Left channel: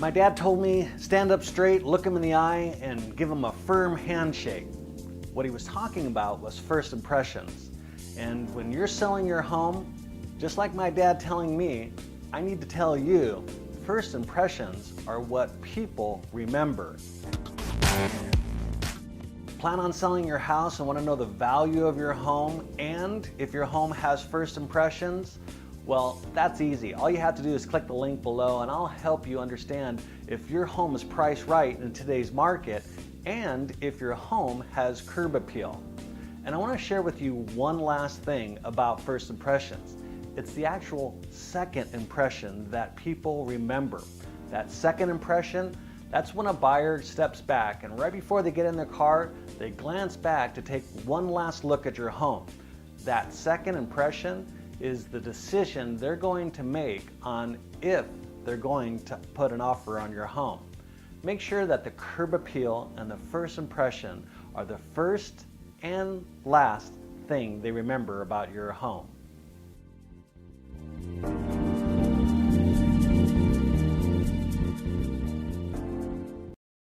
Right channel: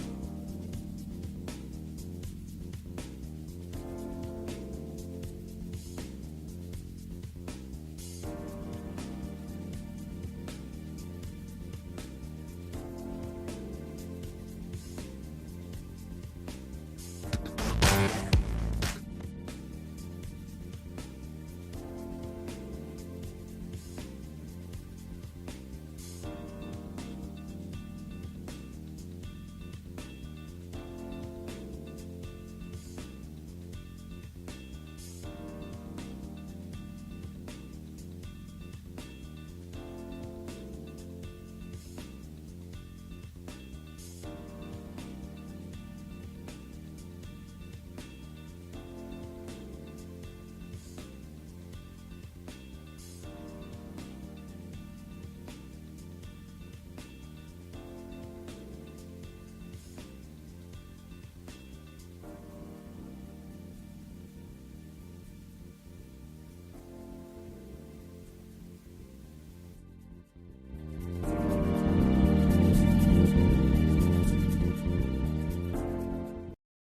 My dad told me, stand up straight, look him in the eye, and give him a firm handshake. What he was talking about was first impressions. And when you're selling your home, just like my dad telling me, I need to tell you, first impressions are what people remember. Plan on selling your house and want to know the value of your home and if your home has first impressions? Well, that's easy. All you have to do is click the link below and I'll help you understand if your home is priced right in today's market and if your home has curb appeal. And I want to share with you one last thing about first impressions. It's the actual second impression that people remember. That second impression, that's when a buyer steps back and right before they get in their car, they glance back to take one last look at your home. That second impression is the decision they're going to make on if they're going to put an offer on your home. Make sure that the curb appeal and the first impression are the first and last thing they remember about your home.